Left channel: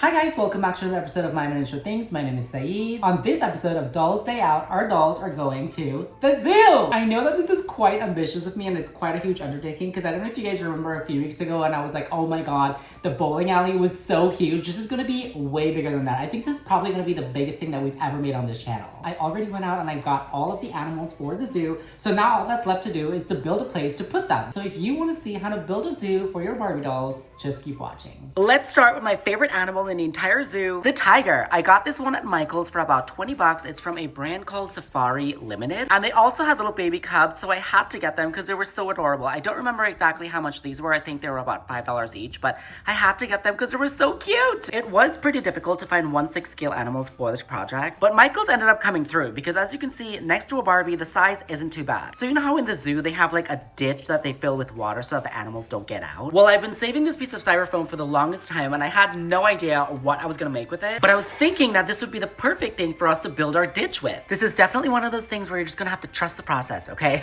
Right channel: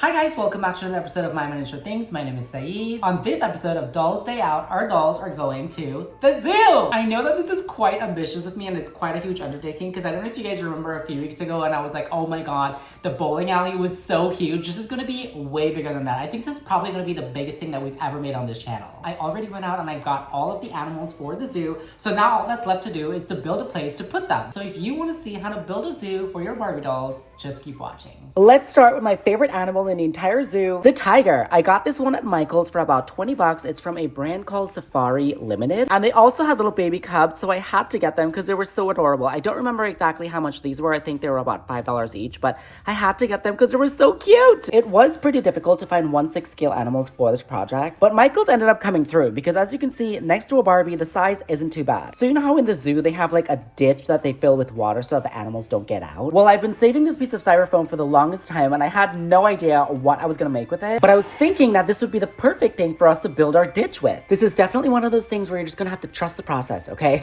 Hi guys, welcome back to another episode of My Miniature Things. My name is Saeed. On this episode of Dolls Day Out, our dolls are going to the zoo! I know that this is quite ambitious of me and it's quite a huge undertaking because I don't know if you guys remember a few weeks ago and I was like, oh my god, the bowling alley was so huge. This is gonna be way bigger than that. I think this is probably gonna be the biggest thing that we've ever made on this channel. I already went out and I got all of the animals for the zoo, so now all that's left to do is to build a place to put them. So if you want to see how to build a zoo for your Barbie dolls, just keep watching. Let's start with my favorite animal in the entire zoo, the tiger. I got this one at Michael's for about 20 bucks. It's from a brand called Safari Limited. And they also had little baby cubs, so I had to get them because they were so adorable. I don't remember exactly how much these were. I think they were about $5 each, but I had to get them because they were so cute. It was pretty difficult to find 1/6 scale animals for this project, but Michael's ended up coming through because as you can see, next to a Barbie, the size isn't too bad. So you know how in the zoo, they have like a ditch that they fill with water so that the animals don't get out? Well, I've been saving this piece of styrofoam for the longest time and I had no idea what I was gonna make with it, but I was thinking that this would be the perfect thing for us to build our ditch with. This is definitely one of those things where you're just gonna have to trust the process, okay?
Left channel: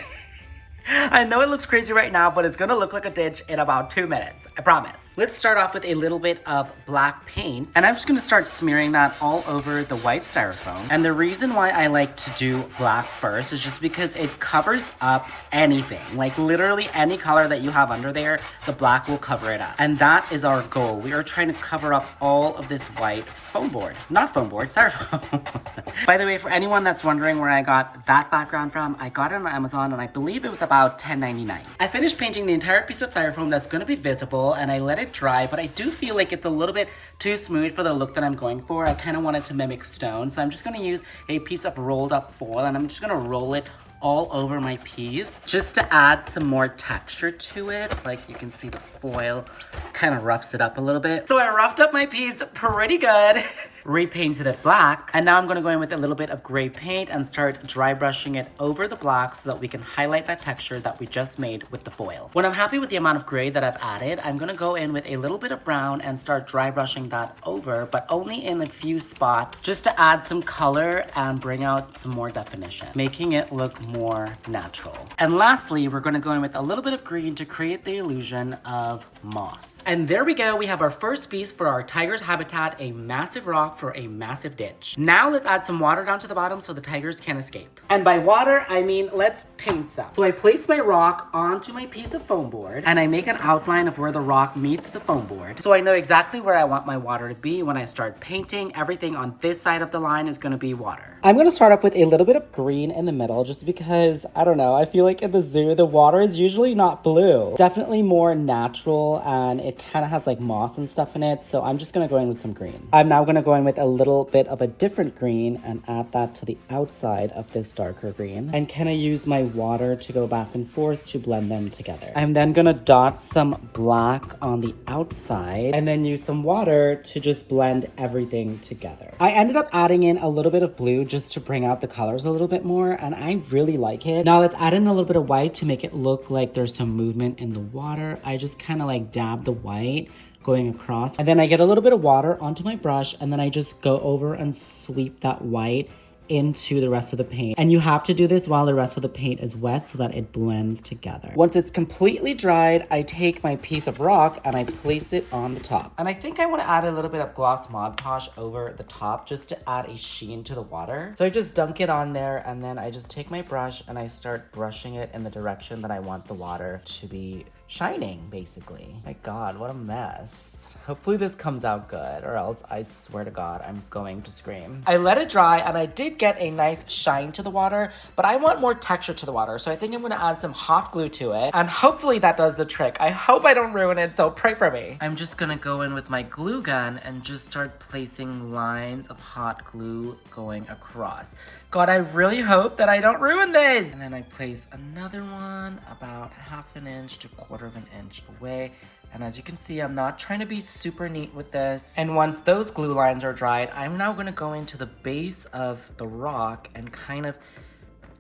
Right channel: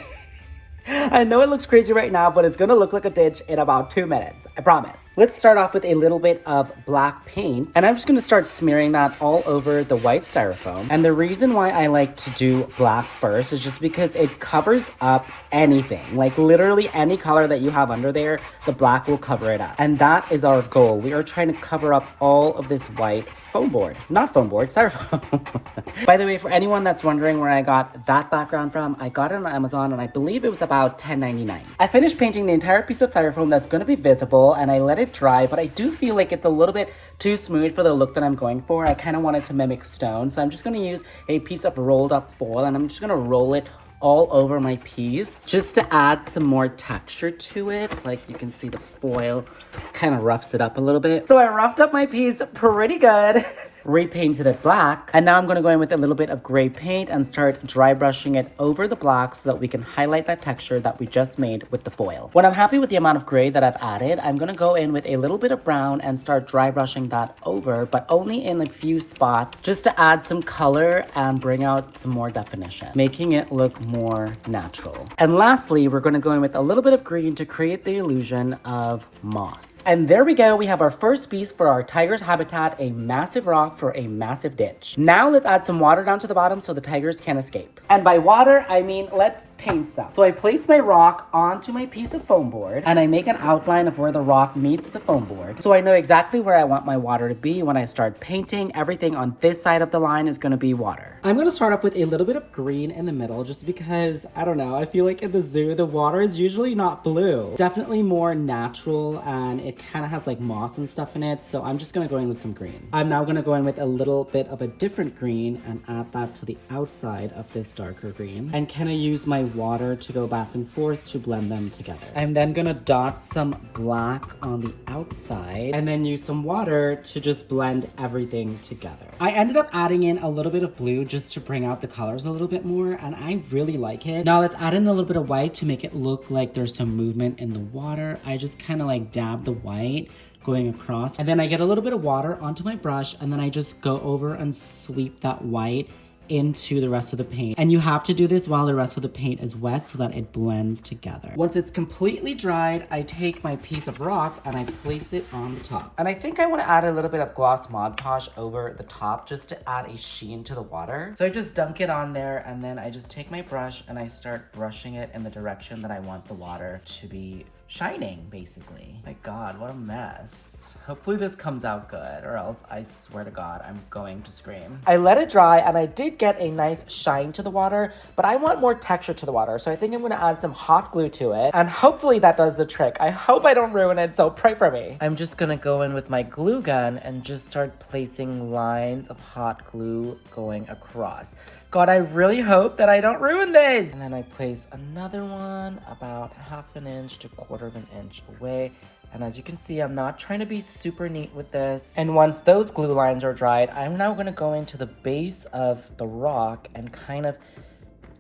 I know it looks crazy right now, but it's gonna look like a ditch in about 2 minutes, I promise. Let's start off with a little bit of black paint, and I'm just gonna start smearing that all over the white styrofoam. And the reason why I like to do black first is just because it covers up anything. Like literally any color that you have under there, the black will cover it up. And that is our goal. We are trying to cover up all of this white foam board. Not foam board, styrofoam. By the way, for anyone that's wondering where I got that background from, I got it on Amazon and I believe it was about $10.99. I finished painting the entire piece of styrofoam that's going to be visible and I let it dry, but I do feel like it's a little bit too smooth for the look that I'm going for. I kind of wanted to mimic stone, so I'm just going to use a piece of rolled up foil and I'm just going to roll it all over my piece just to add some more texture to it. Like you can see the foil kind of roughs it up a little bit. So I roughed up my piece pretty good. Repainted it black, and now I'm going to go in with a little bit of gray paint and start dry brushing it over the black so that we can highlight that texture that we just made with the foil. When I'm happy with the amount of gray that I've added, I'm going to go in with a little bit of brown and start dry brushing that over, but only in a few spots just to add some color and bring out some more definition, making it look more natural. And lastly, we're going to go in with a little bit of green to create the illusion of moss. And there we go. We have our first piece for our tiger's habitat, a massive rock for a massive ditch. Now let's add some water down to the bottom so the tigers can escape. And by water, I mean let's paint some. So I place my rock onto my piece of foam board and I make an outline of where the rock meets the foam board. So I know exactly where I want my water to be when I start painting. Everything on this side of the line is going to be water. I'm going to start off with a little bit of green in the middle just because, I don't know, I feel like in the zoo, the water is usually not blue. Definitely more natural and it kind of has like moss and stuff in it. So I'm just going to go in with some green. I'm now going to go in with a little bit of a different green and add that to the outside of this darker green. And kind of use my water to go back and forth to blend them together. I'm then going to dot some black on the outside and then use some water to just blend everything together. I ended up adding in a little bit of blue just to bring out the colors a little bit more, and I really like it. Now let's add in a little bit of white to make it look like there's some movement in the water. I just kind of like dab the white going across, and then I get a little bit of water onto my brush, and then I just go over and sweep that white into the rest of the paint. And you have to do this while the rest of the paint is wet so that it blends together. Once it's completely dried, I take my piece of rock and I place it on the top. And I think I want to add a little bit of gloss Mod Podge over the top just to add a sheen to the water. So I just dunk it on there and then I just take my brush and I start brushing it in the direction that I want the water to be shining, basically. My God, what a mess. Hopefully this comes out good, or else I swear to God, I'm going to scream. I let it dry, and I did get a nice shine to the water, but I want more texture to the water, so I think I'm gonna add some hot glue to it, and hopefully that does the trick. I hope I don't ruin it, so pray for me. I'm just gonna go in with my glue gun and just start placing lines of hot glue going across. God, I really hope that I don't ruin this. And then I place another one about 1/2 inch to 1/4 inch away. And as you can see, I'm not trying to be super neat with this. And once those glue lines are dried, I'm now gonna go into the base of the rock and kind of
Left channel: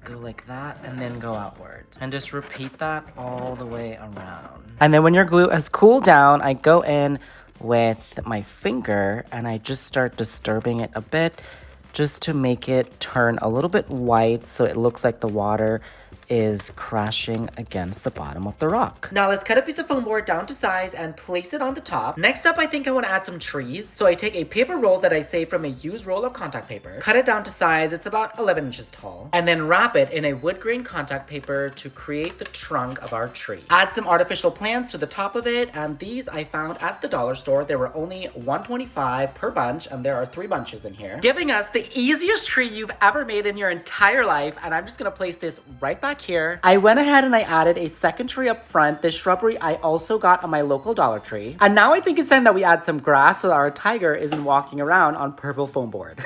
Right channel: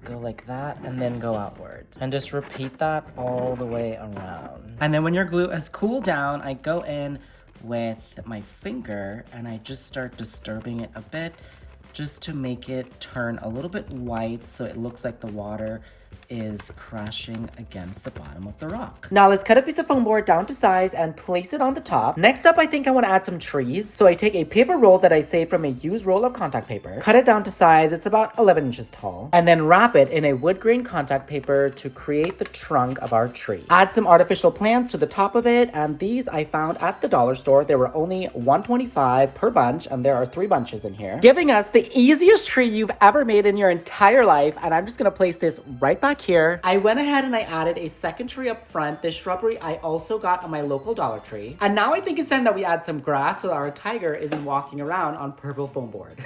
go like that and then go outwards. And just repeat that all the way around. And then when your glue has cooled down, I go in with my finger and I just start disturbing it a bit just to make it turn a little bit white so it looks like the water is crashing against the bottom of the rock. Now let's cut a piece of foam board down to size and place it on the top. Next up, I think I want to add some trees. So I take a paper roll that I saved from a used roll of contact paper, cut it down to size, it's about 11 inches tall, and then wrap it in a wood grain contact paper to create the trunk of our tree. Add some artificial plants to the top of it, and these I found at the dollar store. There were only $1.25 per bunch, and there are 3 bunches in here, giving us the easiest tree you've ever made in your entire life. And I'm just gonna place this right back here. I went ahead and I added a second tree up front. This shrubbery I also got on my local Dollar Tree. And now I think it's time that we add some grass so that our tiger isn't walking around on purple foam board.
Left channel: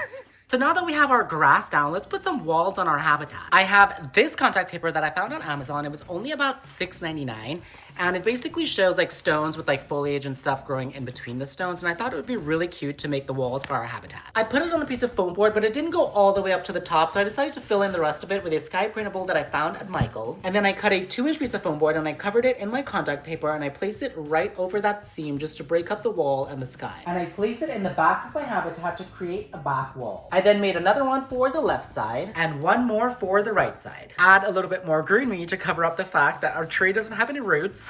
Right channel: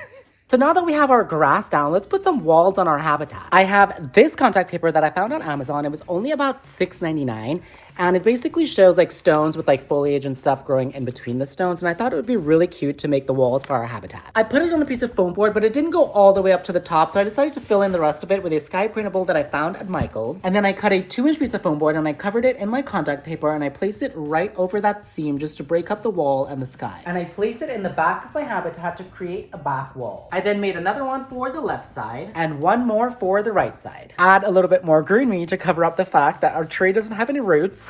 So now that we have our grass down, let's put some walls on our habitat. I have this contact paper that I found on Amazon. It was only about $6.99. And it basically shows like stones with like foliage and stuff growing in between the stones. And I thought it would be really cute to make the walls for our habitat. I put it on a piece of foam board, but it didn't go all the way up to the top. So I decided to fill in the rest of it with a sky printable that I found at Michael's. And then I cut a 2-inch piece of foam board and I covered it in my contact paper and I placed it right over that seam just to break up the wall and the sky. And I placed it in the back of my habitat to create a back wall. I then made another one for the left side and one more for the right side. Add a little bit more greenery to cover up the fact that our tree doesn't have any roots.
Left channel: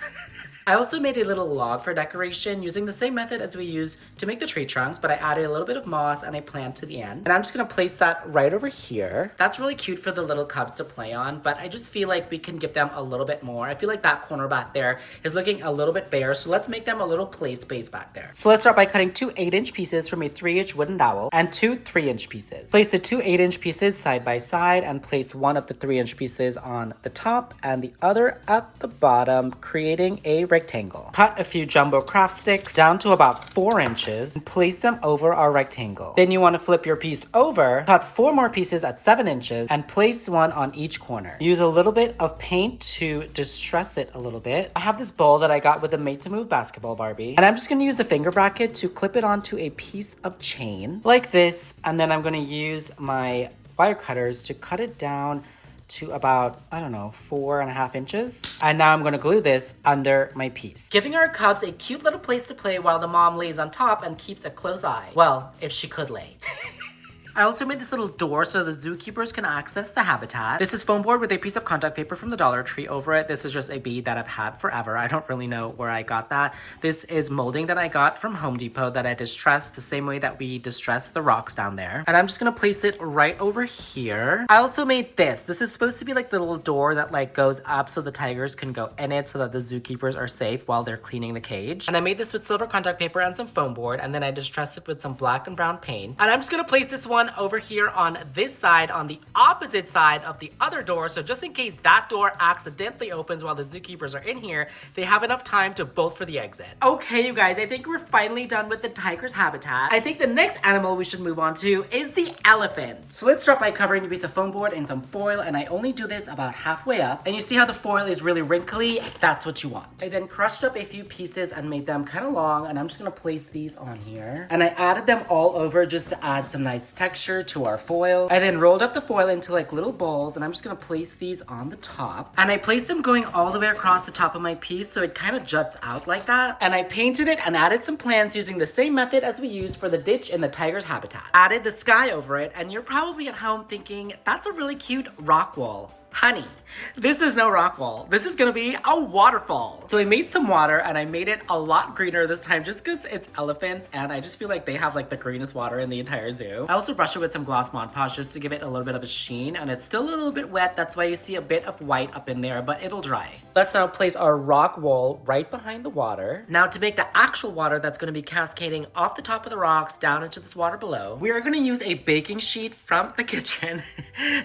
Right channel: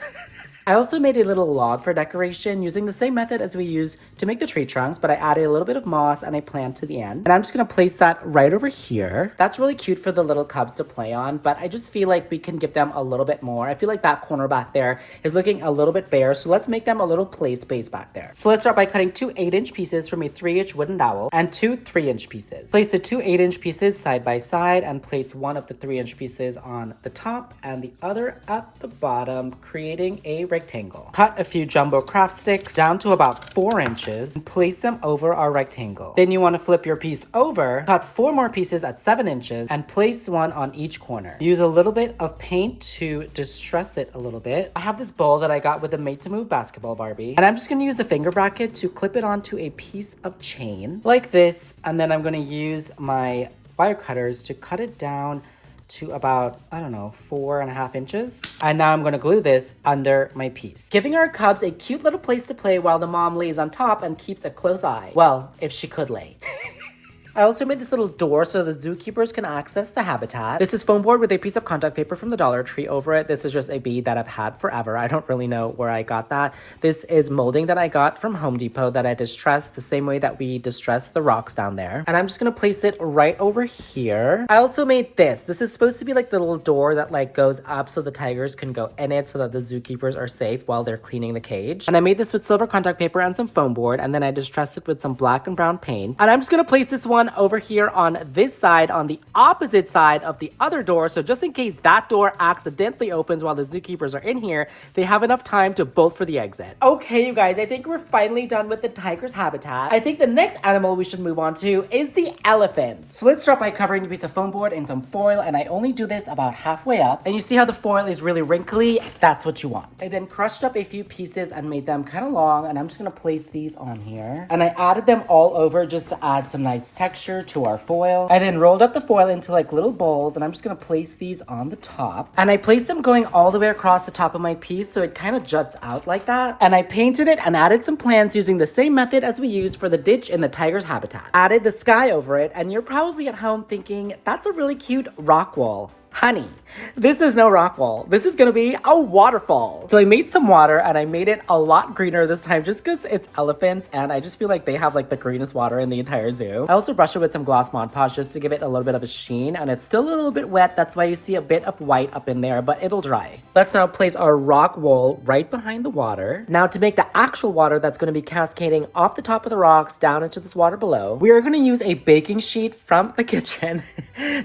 I also made a little log for decoration using the same method as we used to make the tree trunks, but I added a little bit of moss and I planted to the end. And I'm just gonna place that right over here. That's really cute for the little cubs to play on, but I just feel like we can give them a little bit more. I feel like that corner back there is looking a little bit bare, so let's make them a little play space back there. So let's start by cutting 2 8-inch pieces from a 3-inch wooden dowel and 2 3-inch pieces. Place the 2 8-inch pieces side by side and place one of the 3-inch pieces on the top and the other at the bottom, creating a rectangle. Cut a few jumbo craft sticks down to about 4 inches and place them over our rectangle. Then you want to flip your piece over, cut 4 more pieces at 7 inches and place one on each corner. Use a little bit of paint to distress it a little bit. I have this bowl that I got with a Made to Move basketball Barbie, and I'm just going to use the finger bracket to clip it onto a piece of chain like this, and then I'm going to use my wire cutters to cut it down to about, I don't know, 4.5 inches. And now I'm gonna glue this under my piece, giving our cubs a cute little place to play while the mom lays on top and keeps a close eye. Well, if she could lay. I also made this little door so the zookeepers can access the habitat. This is foam board with a piece of contact paper from the Dollar Tree over it. This is just a bead that I've had forever. I don't really know where I got that. This is molding that I got from Home Depot that I distressed the same way that we distressed the rocks down there. And I'm just gonna place it right over here. I also made this. This is supposed to be like the little door that like goes up so the tigers can go in it so that the zookeepers are safe while they're cleaning the cage. And I made this with silver contact paper and some foam board, and then I distressed it with some black and brown paint. And I'm just gonna place this one over here on this side, on the opposite side of the other door, so just in case that door accidentally opens while the zookeepers are in here, they have enough time to bolt for the exit. Okay, you guys, I think we're finally done with the tiger's habitat. I think the next animal we should move on to is the elephant. So let's start by covering a piece of foam board in some foil, and I only do this about halfway up. And you see how the foil is really wrinkly? That's what you want. I then crushed up a few pieces and made them kind of long, and I'm just gonna place these on here. And I added them all over just to add some nice texture to our foil. I then rolled up the foil into like little bowls, and I'm just gonna place these on the top. And I placed them going all the way across the top of my piece so it kind of juts out like that. And I painted it and added some plants using the same method as we used for the ditch in the tiger's habitat. Added the sky over it, and you're probably at home thinking, that's a really cute rock wall. Honey, this is no rock wall. This is gonna be a waterfall. So I made some water and I made it a lot greener this time just because it's elephants and I just feel like they have like the greenest water in the entire zoo. I also brushed it with some gloss Mod Podge just to give it a little bit of a sheen, and it's still a little bit wet. That's why you see a bit of white up in there, but it'll dry. Let's now place our rock wall right behind the water. Now to make the actual water that's gonna be cascading off the top of the rocks down into this water below, we are gonna use a baking sheet from the kitchen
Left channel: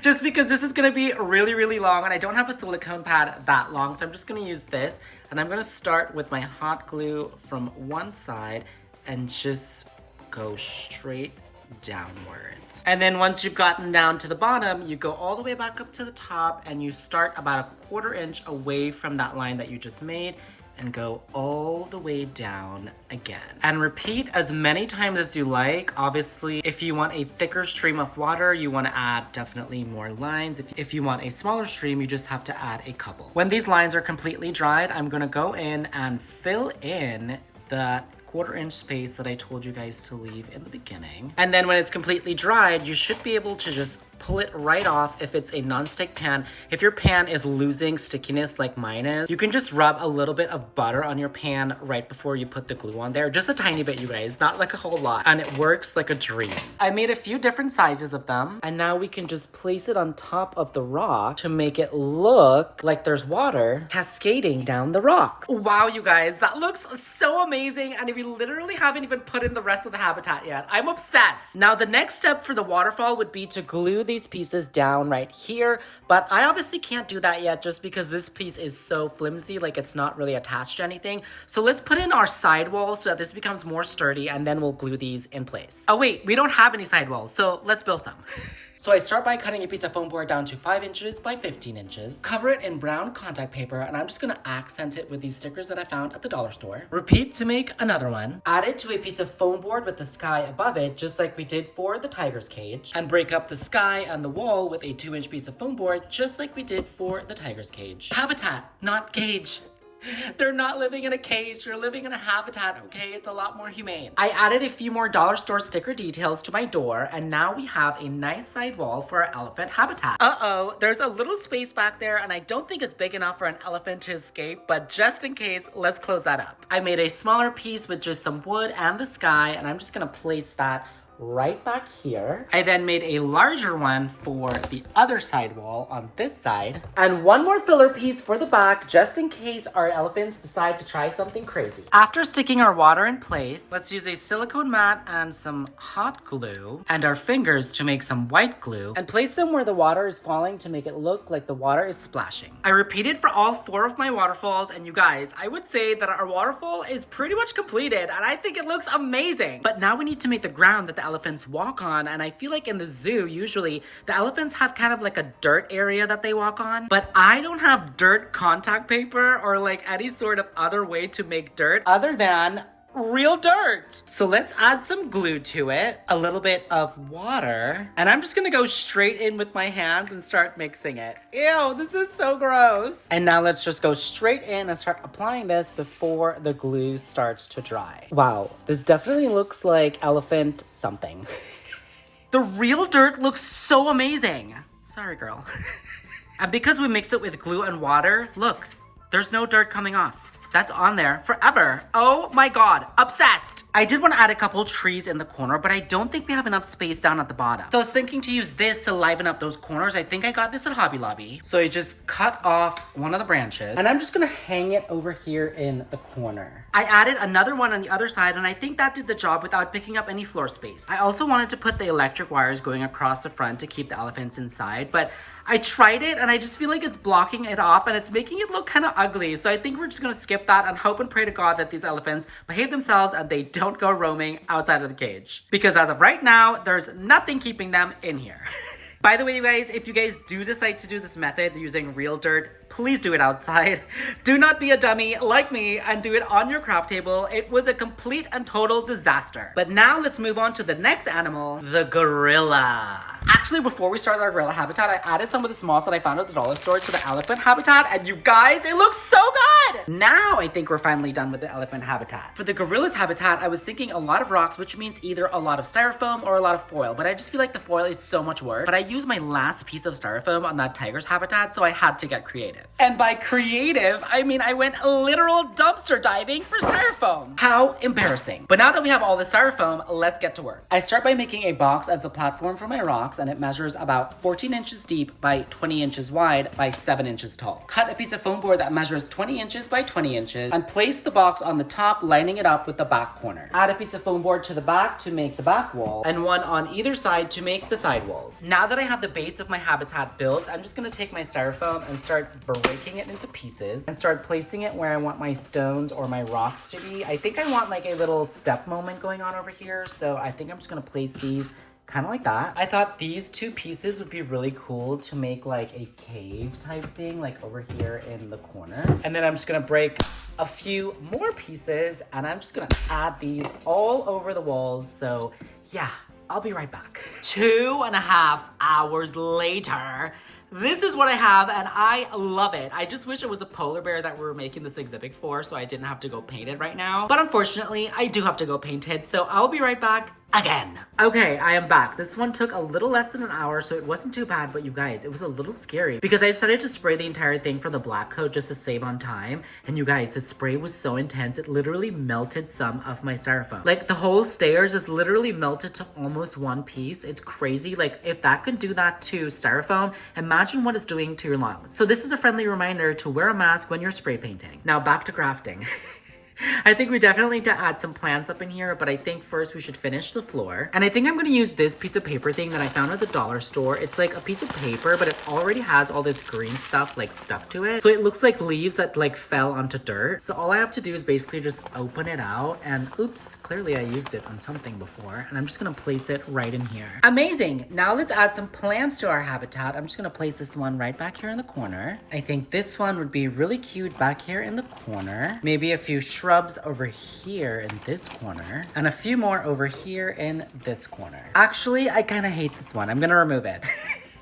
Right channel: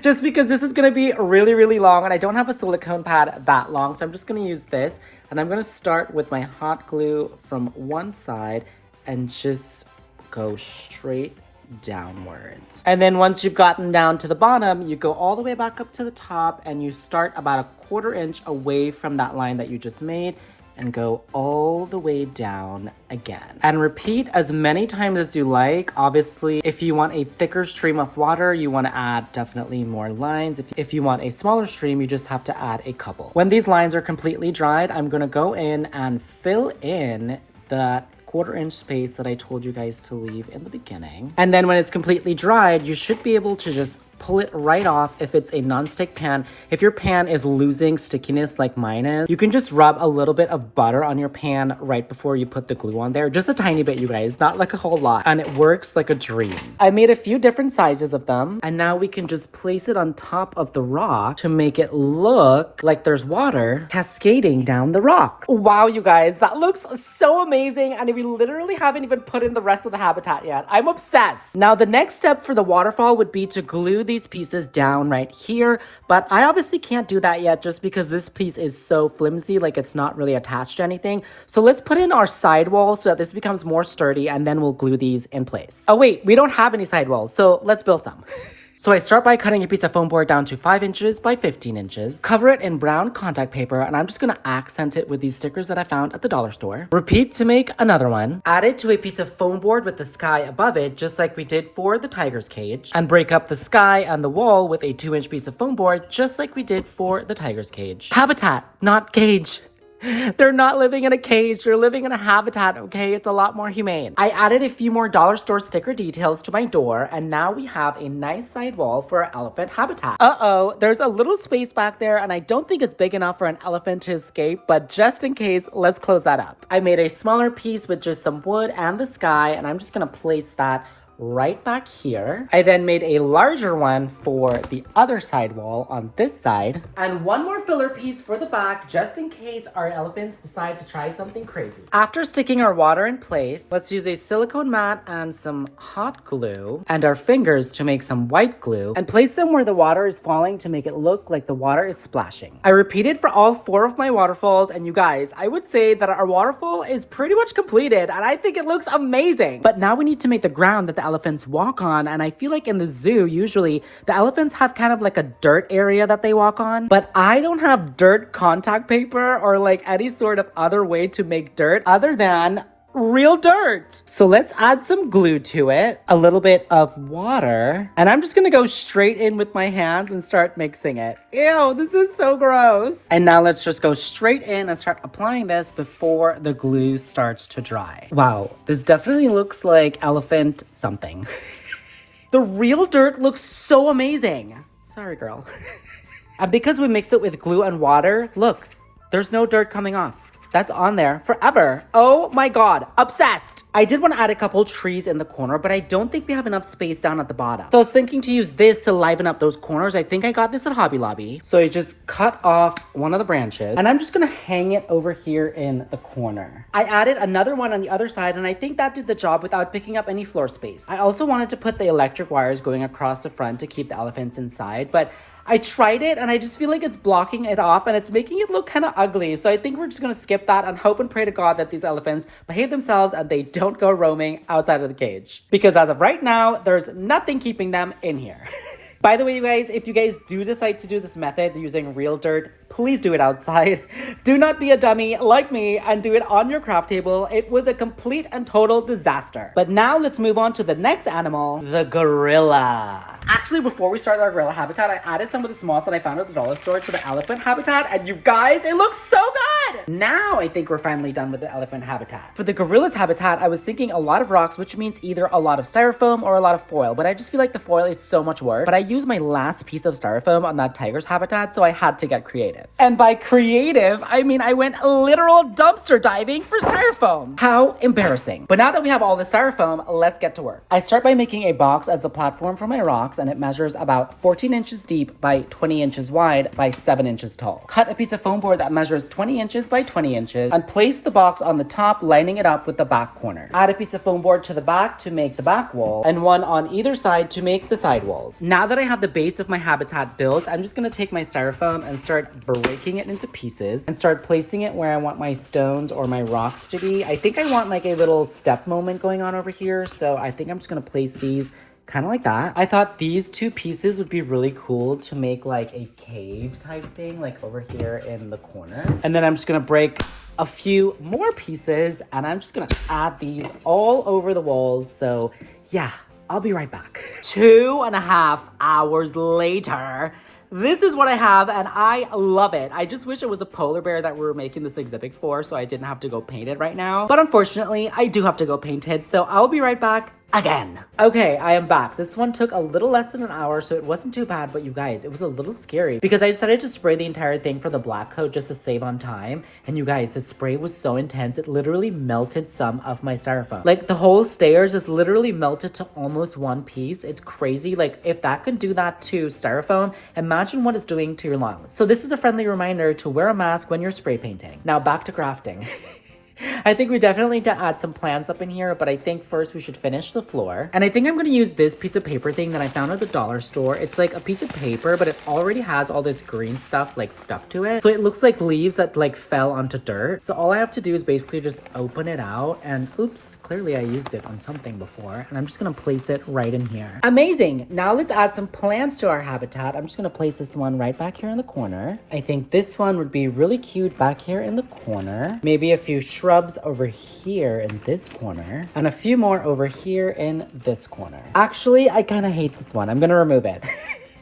just because this is gonna be really long, and I don't have a silicone pad that long, so I'm just gonna use this, and I'm gonna start with my hot glue from one side and just go straight downwards. And then once you've gotten down to the bottom, you go all the way back up to the top and you start about a 1/4 inch away from that line that you just made and go all the way down again. And repeat as many times as you like. Obviously, if you want a thicker stream of water, you want to add definitely more lines. If you want a smaller stream, you just have to add a couple. When these lines are completely dried, I'm gonna go in and fill in that 1/4 inch space that I told you guys to leave in the beginning. And then when it's completely dried, you should be able to just pull it right off if it's a non-stick pan. If your pan is losing stickiness like mine is, you can just rub a little bit of butter on your pan right before you put the glue on there. Just a tiny bit, you guys, not like a whole lot. And it works like a dream. I made a few different sizes of them. And now we can just place it on top of the rock to make it look like there's water cascading down the rock. Wow, you guys, that looks so amazing. And we literally haven't even put in the rest of the habitat yet. I'm obsessed. Now, the next step for the waterfall would be to glue these pieces down right here. But I obviously can't do that yet just because this piece is so flimsy, like it's not really attached to anything. So let's put in our sidewall so that this becomes more sturdy, and then we'll glue these in place. Oh wait, we don't have any sidewalls, so let's build some. So I start by cutting a piece of foam board down to 5 inches by 15 inches, cover it in brown contact paper, and I'm just gonna accent it with these stickers that I found at the dollar store. Repeat to make another one. Add it to a piece of foam board with the sky above it, just like we did for the tiger's cage. And break up the sky and the wall with a 2-inch piece of foam board, just like we did for the tiger's cage. Habitat, not cage. They're not living in a cage, they're living in a habitat, okay? It's a lot more humane. I added a few more dollar store sticker details to my door, and now we have a nice sidewall for our elephant habitat. Uh-oh, there's a little space back there, and I don't think it's big enough for an elephant to escape, but just in case, let's close that up. I made a smaller piece with just some wood and the sky, and I'm just gonna place that right back here. I then made a larger one for the other side wall on this side, and one more filler piece for the back just in case our elephants decide to try something crazy. After sticking our water in place, let's use a silicone mat and some hot glue and our fingers to make some white glue and place them where the water is falling to make it look like the water is splashing. I repeated for all 4 of my waterfalls, and you guys, I would say that our waterfall is pretty much completed, and I think it looks amazing. But now we need to make the ground that the elephants walk on, and I feel like in the zoo usually the elephants have kind of like a dirt area that they walk on, but I don't have dirt contact paper or like any sort of other way to make dirt other than real dirt. So let's add some glue to it, a little bit of water, and I'm just gonna go straight in with my hands and start mixing it. Ew, this is so gross. And now let's just go straight in and start applying this before the glue starts to dry. Wow, this definitely looks like elephant something. The real dirt looks so amazing. Sorry, girl. And because we mix it with glue and water, look, there's no dirt coming off. That's on there forever. Oh my God, obsessed. I did want to add a couple trees in the corner, but I don't think we have enough space down at the bottom. So I was thinking to use this to liven up those corners. I think I got this at Hobby Lobby. So I just cut off one of the branches, and I'm just gonna hang it over here in the corner. I added another one on the other side, and I think that did the job without picking up any floor space. I also wanted to put the electric wires going across the front to keep the elephants inside, but I tried it and I just feel like it's blocking it off and it's making it look kind of ugly. So I think we're just gonna skip that and hope and pray to God that these elephants behave themselves and they don't go roaming outside of the cage. Because as of right now, there's nothing keeping them in here. By the way, you guys, if you guys do decide to do this method using real dirt, please do it outside. Do not be a dummy like me and do it on your craft table. It was a complete and total disaster. But now let's move on to the next animal, the gorilla. Actually, before we start our gorilla habitat, I added some of the moss that I found at the dollar store to the elephant habitat, and you guys, it looks so good! Now I think we're finally done with the elephant habitat. For the gorilla's habitat, I was thinking a lot of rocks, which means either a lot of styrofoam or a lot of foil, but I just feel like the foil is so much work. But I used my last piece of styrofoam on that tiger's habitat, so I had to get creative. And by creative, I mean I went literal dumpster diving for styrofoam. How embarrassing. But now that we have all the styrofoam, let's get to work. I start by making a box as the platform for my rocks, and it measures about 14 inches deep by 20 inches wide by 7 inches tall. Cut a piece of foam board that measures 20 inches by 20 inches and place the box on the top, lining it up with the back corner. Add a piece of foam board to the back to make the back wall and one on either side to make the side walls. Now that I have the base of my habitat built, I'm just gonna take my styrofoam and start breaking it into pieces and start placing it where I want my stones or my rocks to be. I think I want like a little step moment going on over here, so I think I'm just gonna place these kind of like that. I thought these 2 pieces would be really cool to make like a cave type thing, like over here in the corner. And then I'm just gonna break a few more pieces and I'm just gonna add these all over the walls. So yeah, I'll be right back. 2.5 hours later, this is what I have and I love it. I just wish it was a polar bear that we were making this exhibit for so I didn't have to go paint it right now. But unfortunately, I do have to go paint it. So I'll be right back again. Okay, I am back. This one took a little less than an hour, so it wasn't too bad, but you guys, it was a little scary because I decided to spray the entire thing for the black coat just to save on time. And you guys, the spray was so intense, it literally melted some of my styrofoam. Like the whole stairs is literally melted to almost one piece. It's crazy. Like if that could do that to styrofoam, imagine what it's doing to your lungs. So this is a friendly reminder to wear a mask when you're spray painting. Now back to crafting. I think we definitely need to add some plants up in here, but I think first we should finish the floor. And I think I'm going to use this piece of paper thing that I found at the dollar store. It's like a piece of paper, but it already has all this green stuff like stuck to it. So it looks like leaves that like fell onto dirt. So all I have to do is basically just open it out and oops, clearly I used it on something before. And I'm just going to place it right in here. Amazing. Now let's add some plants to our habitat. I'm just going to place this one right back here in the corner. I think this one would be really cute back here in the corner. Maybe a few shrubs over here in this corner and a few more over here in this corner. Actually, I kind of hate this one. I'm gonna remove it.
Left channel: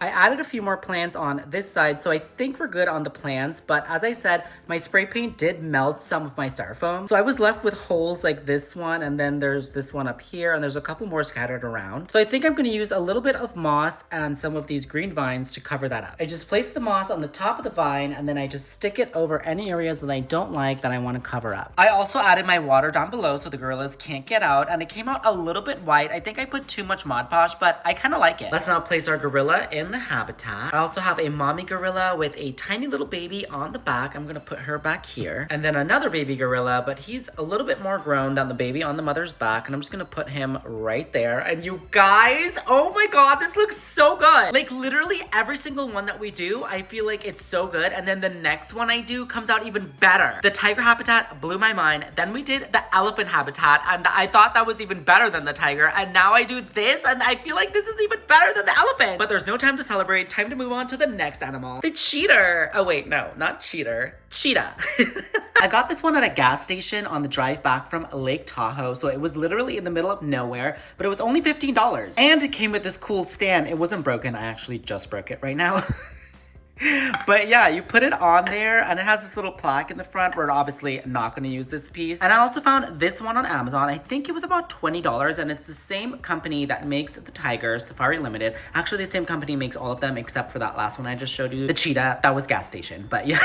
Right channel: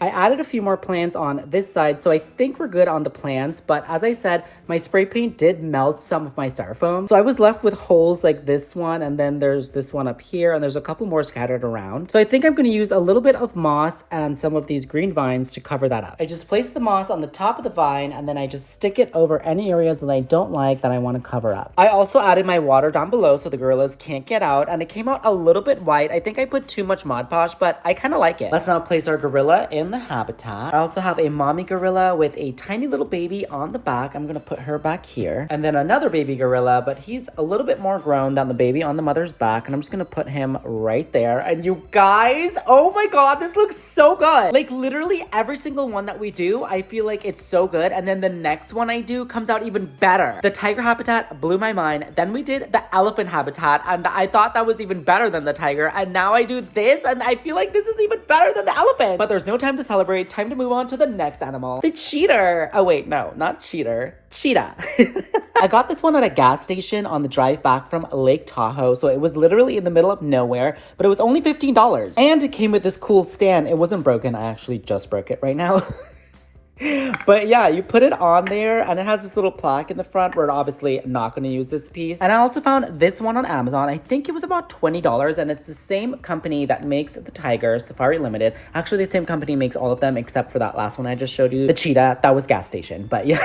I added a few more plants on this side, so I think we're good on the plants, but as I said, my spray paint did melt some of my styrofoam. So I was left with holes like this one, and then there's this one up here, and there's a couple more scattered around. So I think I'm gonna use a little bit of moss and some of these green vines to cover that up. I just place the moss on the top of the vine, and then I just stick it over any areas that I don't like that I wanna cover up. I also added my water down below so the gorillas can't get out, and it came out a little bit white. I think I put too much Mod Podge, but I kinda like it. Let's now place our gorilla in the habitat. I also have a mommy gorilla with a tiny little baby on the back. I'm gonna put her back here. And then another baby gorilla, but he's a little bit more grown than the baby on the mother's back. And I'm just gonna put him right there. And you guys, oh my God, this looks so good. Like literally every single one that we do, I feel like it's so good. And then the next one I do comes out even better. The tiger habitat blew my mind. Then we did the elephant habitat, and I thought that was even better than the tiger. And now I do this, and I feel like this is even better than the elephant. But there's no time to celebrate. Time to move on to the next animal. The cheetah. Oh wait, no, not cheater. Cheetah. I got this one at a gas station on the drive back from Lake Tahoe, so it was literally in the middle of nowhere, but it was only $15. And it came with this cool stand. It wasn't broken. I actually just broke it right now. But yeah, you put it on there and it has this little plaque in the front. We're obviously not going to use this piece. And I also found this one on Amazon. I think it was about $20, and it's the same company that makes the tiger, Safari Limited. Actually, the same company makes all of them except for that last one I just showed you, the cheetah. That was gas station. But yeah,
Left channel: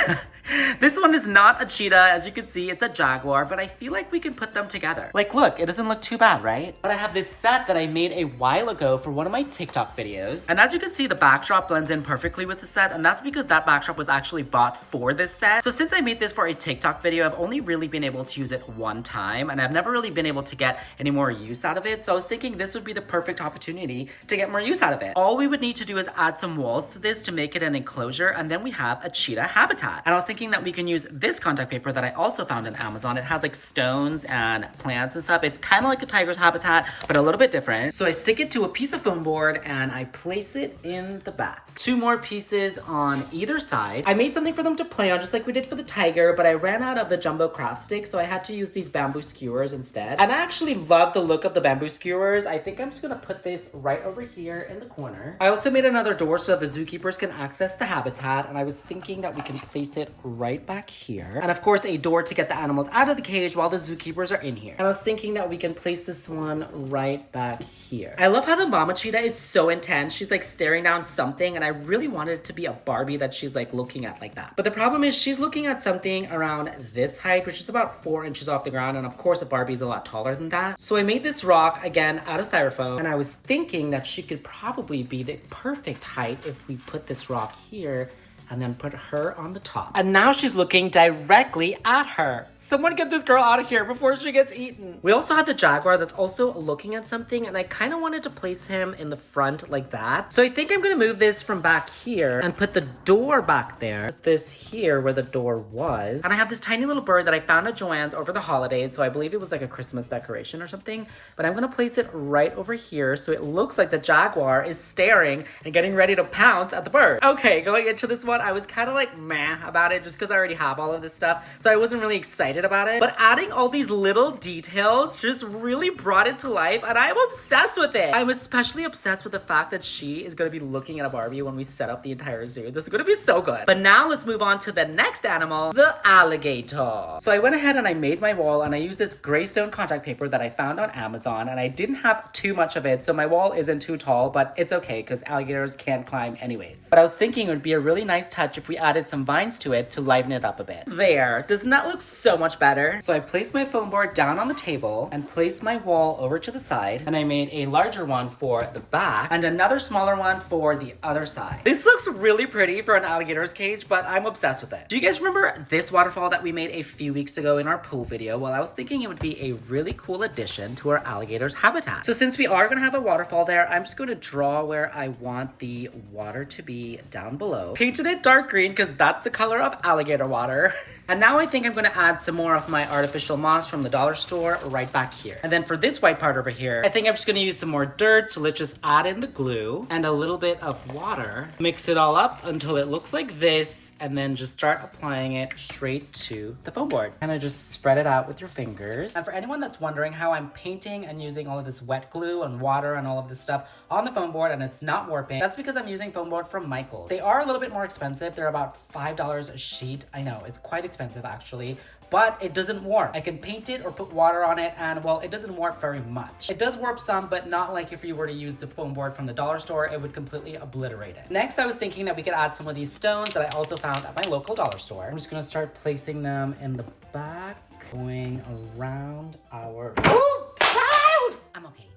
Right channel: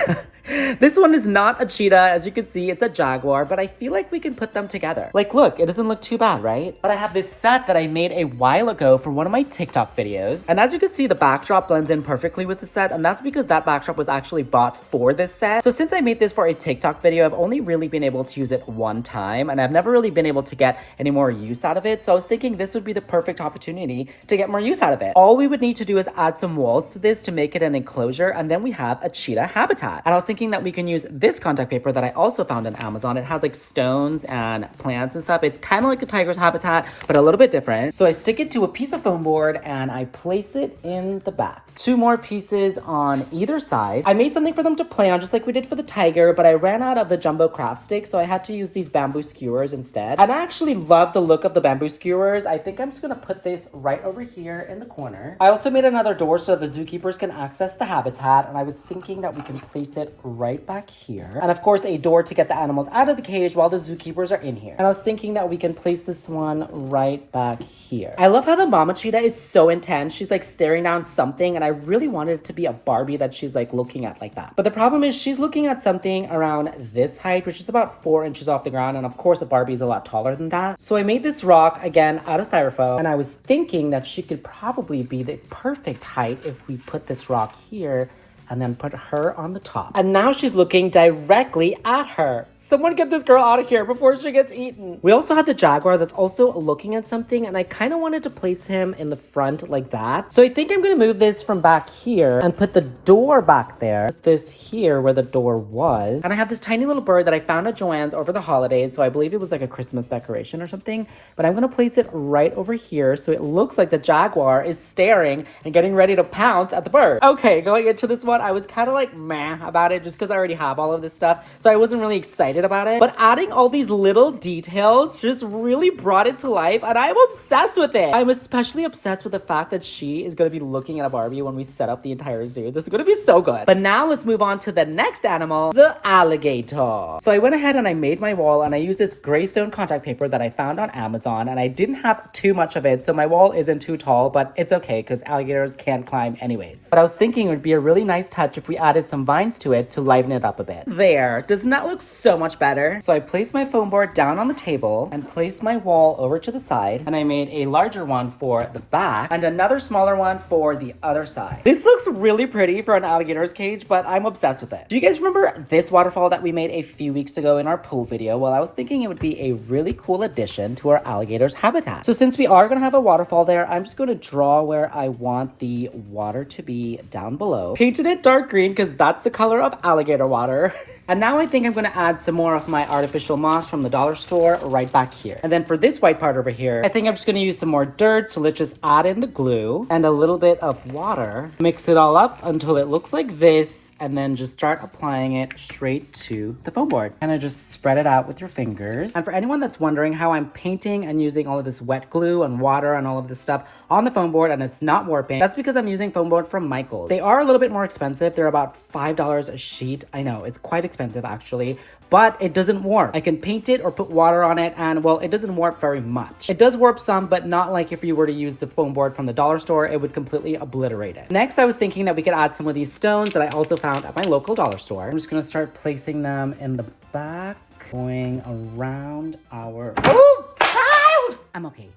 this one is not a cheetah. As you can see, it's a jaguar, but I feel like we can put them together. Like, look, it doesn't look too bad, right? But I have this set that I made a while ago for one of my TikTok videos. And as you can see, the backdrop blends in perfectly with the set, and that's because that backdrop was actually bought for this set. So since I made this for a TikTok video, I've only really been able to use it one time, and I've never really been able to get any more use out of it. So I was thinking this would be the perfect opportunity to get more use out of it. All we would need to do is add some walls to this to make it an enclosure, and then we have a cheetah habitat. And I was thinking that we can use this contact paper that I also found on Amazon. It has like stones and plants and stuff. It's kind of like a tiger's habitat, but a little bit different. So I stick it to a piece of foam board and I place it in the back. Two more pieces on either side. I made something for them to play on just like we did for the tiger, but I ran out of the jumbo craft sticks, so I had to use these bamboo skewers instead. And I actually love the look of the bamboo skewers. I think I'm just gonna put this right over here in the corner. I also made another door so that the zookeepers can access the habitat, and I was thinking that we can place it right back here. And of course, a door to get the animals out of the cage while the zookeepers are in here. And I was thinking that we can place this one right back here. I love how the mama cheetah is so intense. She's like staring down something, and I really wanted it to be a Barbie that she's like looking at like that. But the problem is she's looking at something around this height, which is about 4 inches off the ground. And of course, a Barbie is a lot taller than that. So I made this rock again out of styrofoam, and I was thinking that she could probably be the perfect height if we put this rock here and then put her on the top. And now she's looking directly at her. Someone get this girl out of here before she gets eaten. We also had the jaguar that's also looking at something, and I kind of wanted to place him in the front like that. So I think I'm gonna move this from back here and put the door back there. Put this here where the door was. And I have this tiny little bird that I found at Joann's over the holidays, so I believe it was like a Christmas decoration or something. But I'm gonna place it right over here so it looks like the jaguar is staring and getting ready to pounce at the bird. Okay, going into this one, what? I was kind of like meh about it just because I already have all of this stuff. So I wasn't really excited about it. But adding all these little details just really brought it to life. And I'm obsessed with it. I'm especially obsessed with the fact that she is going to be looking at a Barbie when we set up the entire zoo. This is going to be so good. But now let's move on to the next animal, the alligator. So I went ahead and I made my wall and I used this gray stone contact paper that I found on Amazon, and I didn't have too much of it. So my wall isn't too tall, but it's okay because alligators can't climb anyways. But I was thinking it would be a really nice touch if we added some vines to it to liven it up a bit. There, doesn't that look so much better? So I placed my foam board down on the table and placed my wall over to the side, and I made a larger one for the back and another smaller one for the other side. This looks really pretty for an alligator's cage, but I'm obsessed with it. Do you guys remember this waterfall that we made a few weeks ago in our pool video? Well, I was thinking it would be a really cool addition to our alligator's habitat. So since we are gonna have a waterfall there, I'm just gonna draw where I want the water to be down below. Painted it dark green because that's the color of alligator water. And now I think I'm gonna add some more of my artificial moss from the dollar store right back here. And then for this white part over here, I think I'm just gonna use some more dirt. So let's just add in the glue and a little bit of water. Mix it all up until it looks like this, and then just start applying it straight to the foam board. And just spread it out with your fingers. And for anyone that's wondering how I'm painting and using all of this wet glue and water and all of this stuff on the foam board and it's not warping, that's because I'm using foam board from Michaels. They are a little bit more expensive. They're about $5 a sheet. I know, it's quite expensive actually, but it doesn't warp. I can paint it or put water on it, and well, it doesn't warp very much. It does warp some, but not like if you were to use the foam board from the dollar store, it would completely obliterate it. Next, I was thinking that we could add some of these stones that I also found at my local dollar store. I'm just gonna start placing them in the back, going around our... Oh, child! I'm okay.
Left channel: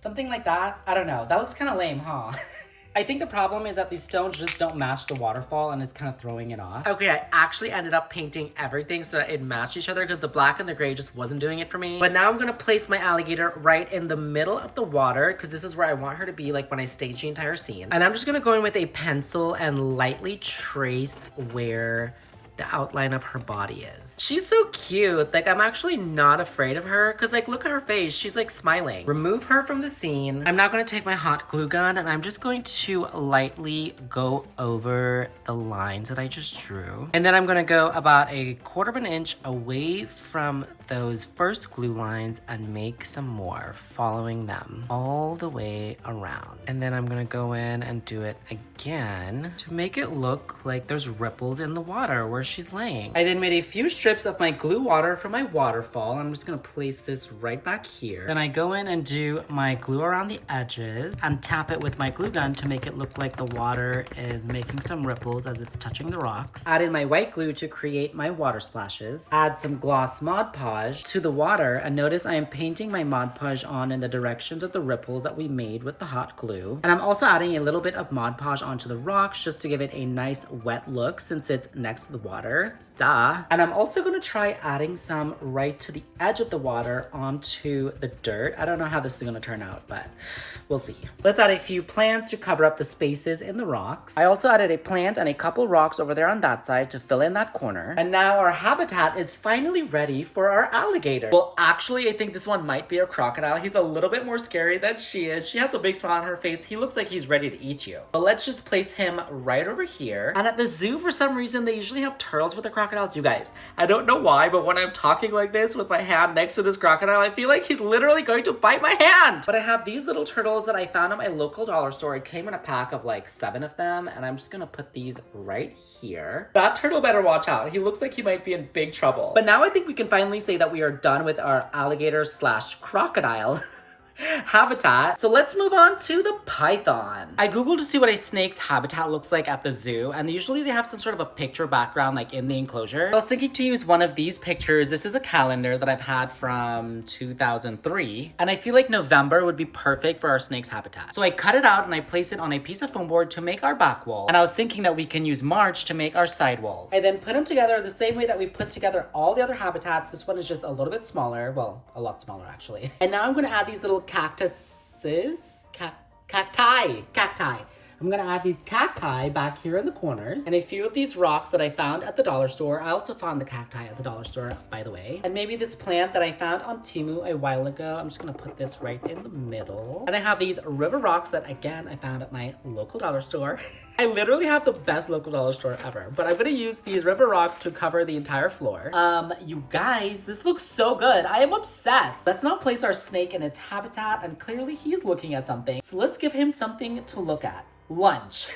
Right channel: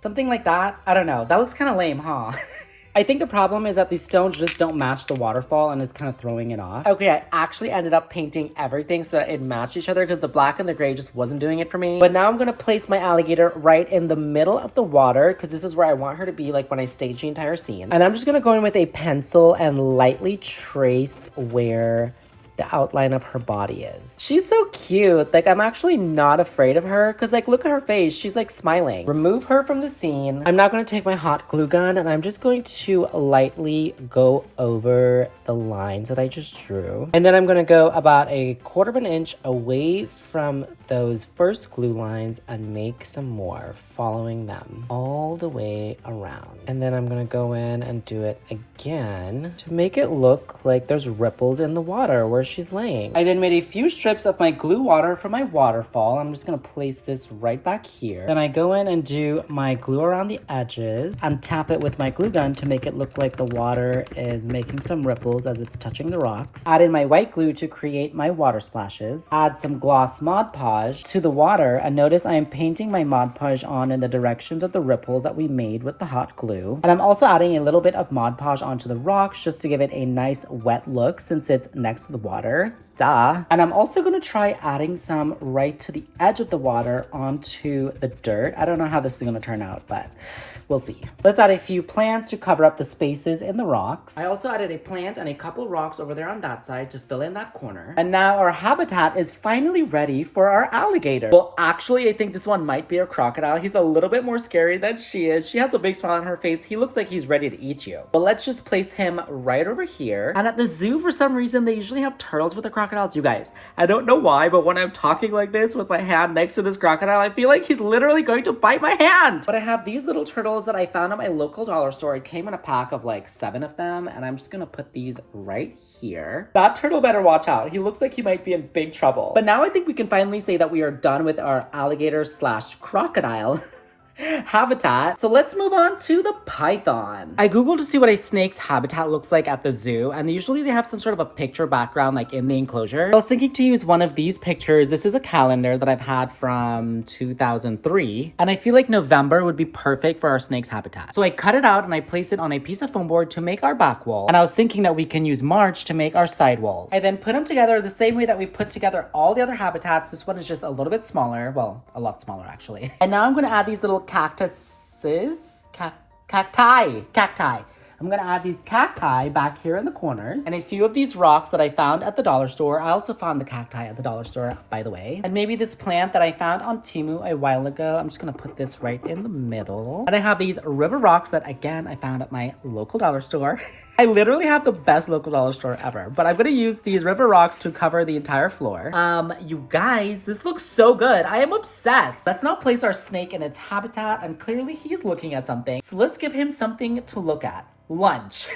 Something like that. I don't know. That looks kind of lame, huh? I think the problem is that these stones just don't match the waterfall and it's kind of throwing it off. Okay, I actually ended up painting everything so that it matched each other because the black and the gray just wasn't doing it for me. But now I'm gonna place my alligator right in the middle of the water because this is where I want her to be like when I stage the entire scene. And I'm just gonna go in with a pencil and lightly trace where the outline of her body is. She's so cute. Like, I'm actually not afraid of her because, like, look at her face. She's like smiling. Remove her from the scene. I'm now going to take my hot glue gun and I'm just going to lightly go over the lines that I just drew. And then I'm going to go about 1/4 of an inch away from those first glue lines and make some more, following them all the way around. And then I'm going to go in and do it again to make it look like there's ripples in the water where she's laying. I then made a few strips of my glue water for my waterfall. I'm just gonna place this right back here. Then I go in and do my glue around the edges and tap it with my glue gun to make it look like the water is making some ripples as it's touching the rocks. Add in my white glue to create my water splashes. Add some gloss Mod Podge to the water, and notice I am painting my Mod Podge on in the directions of the ripples that we made with the hot glue. And I'm also adding a little bit of Mod Podge onto the rocks just to give it a nice wet look since it's next to the water. Duh. And I'm also gonna try adding some right to the edge of the water onto the dirt. I don't know how this is gonna turn out, but we'll see. Let's add a few plants to cover up the spaces in the rocks. I also added a plant and a couple rocks over there on that side to fill in that corner. And now our habitat is finally ready for our alligator. Well, actually, I think this one might be a crocodile. He's a little bit more scary than she is. She has a big smile on her face. He looks like he's ready to eat you. But let's just place him right over here. And at the zoo, for some reason, they usually have turtles with the crocodiles. You guys, I don't know why, but when I'm talking like this with my hand next to this crocodile, I feel like he's literally going to bite my hand. But I have these little turtles that I found at my local dollar store. It came in a pack of like 7 of them, and I'm just gonna put these right here. That turtle better watch out. He looks like he might be in big trouble. But now I think we can finally say that we are done with our alligator / crocodile habitat. So let's move on to the python. I googled to see what a snake's habitat looks like at the zoo, and usually they have some sort of a picture background like in the enclosure. I was thinking to use one of these pictures. This is a calendar that I've had from 2003, and I feel like November would be perfect for our snake's habitat. So I cut it out and I placed it on a piece of foam board to make our back wall, and I was thinking that we can use March to make our side walls. I then put them together the same way that we put together all the other habitats. This one is just a little bit smaller, well, a lot smaller actually. And now I'm going to add these little cacti. I'm gonna add these cacti back here in the corners and a few of these rocks that I found at the dollar store. I also found the cacti at the dollar store, by the way. And maybe this plant that I found on Temu a while ago. I'm just gonna put this right in the middle. And I have these river rocks that, again, I found at my local dollar store. I literally have the best local dollar store ever, but I'm gonna use these river rocks to cover the entire floor. You guys, this looks so good. I am obsessed. Let's now place our snake in its habitat, and clearly he's looking at something. So let's give him something to look at. Lunch.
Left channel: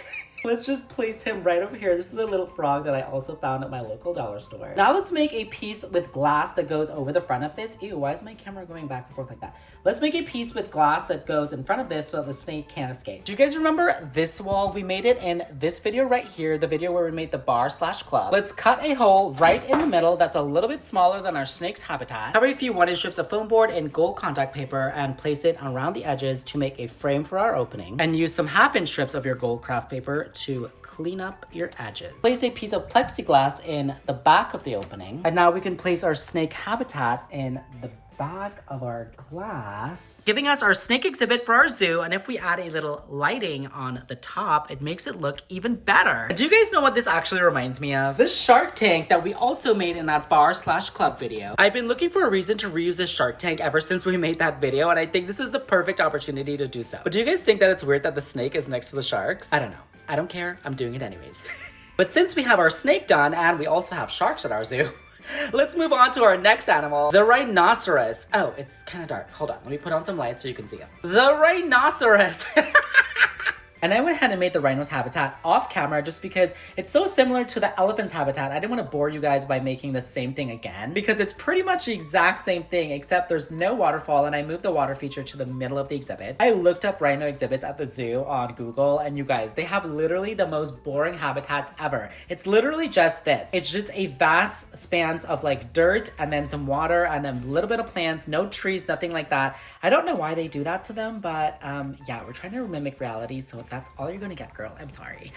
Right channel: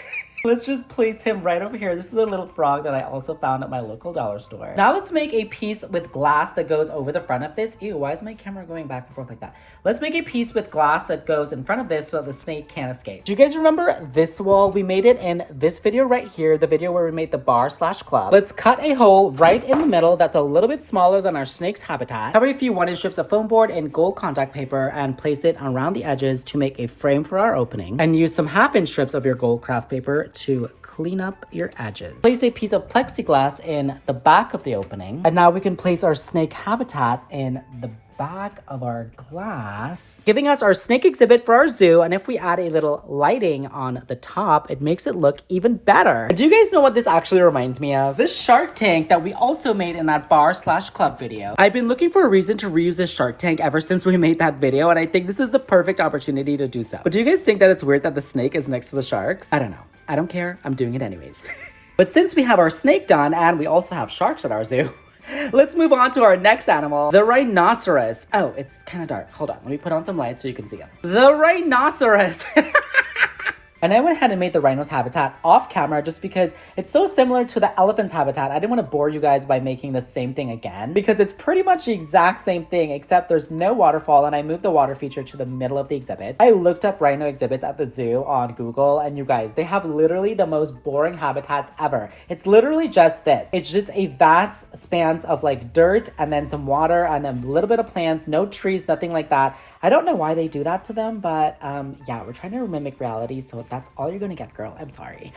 Let's just place him right over here. This is a little frog that I also found at my local dollar store. Now let's make a piece with glass that goes over the front of this. Ew, why is my camera going back and forth like that? Let's make a piece with glass that goes in front of this so the snake can't escape. Do you guys remember this wall? We made it in this video right here, the video where we made the bar/club. Let's cut a hole right in the middle that's a little bit smaller than our snake's habitat. Cover a few 1-inch strips of foam board and gold contact paper and place it around the edges to make a frame for our opening. And use some 1/2-inch strips of your gold craft paper to clean up your edges. Place a piece of plexiglass in the back of the opening. And now we can place our snake habitat in the back of our glass, giving us our snake exhibit for our zoo. And if we add a little lighting on the top, it makes it look even better. Do you guys know what this actually reminds me of? This shark tank that we also made in that bar/club video. I've been looking for a reason to reuse this shark tank ever since we made that video, and I think this is the perfect opportunity to do so. But do you guys think that it's weird that the snake is next to the sharks? I don't know. I don't care. I'm doing it anyways. But since we have our snake done and we also have sharks at our zoo, let's move on to our next animal, the rhinoceros. Oh, it's kind of dark. Hold on. Let me put on some lights so you can see it. The rhinoceros. And I went ahead and made the rhino's habitat off camera just because it's so similar to the elephant's habitat. I didn't want to bore you guys by making the same thing again because it's pretty much the exact same thing except there's no waterfall, and I moved the water feature to the middle of the exhibit. I looked up rhino exhibits at the zoo on Google, and you guys, they have literally the most boring habitats ever. It's literally just this. It's just a vast spans of like dirt and then some water and a little bit of plants, no trees, nothing like that. I don't know why they do that to them, but yeah, we're trying to mimic reality, so that's all you're gonna get, girl. I'm sorry.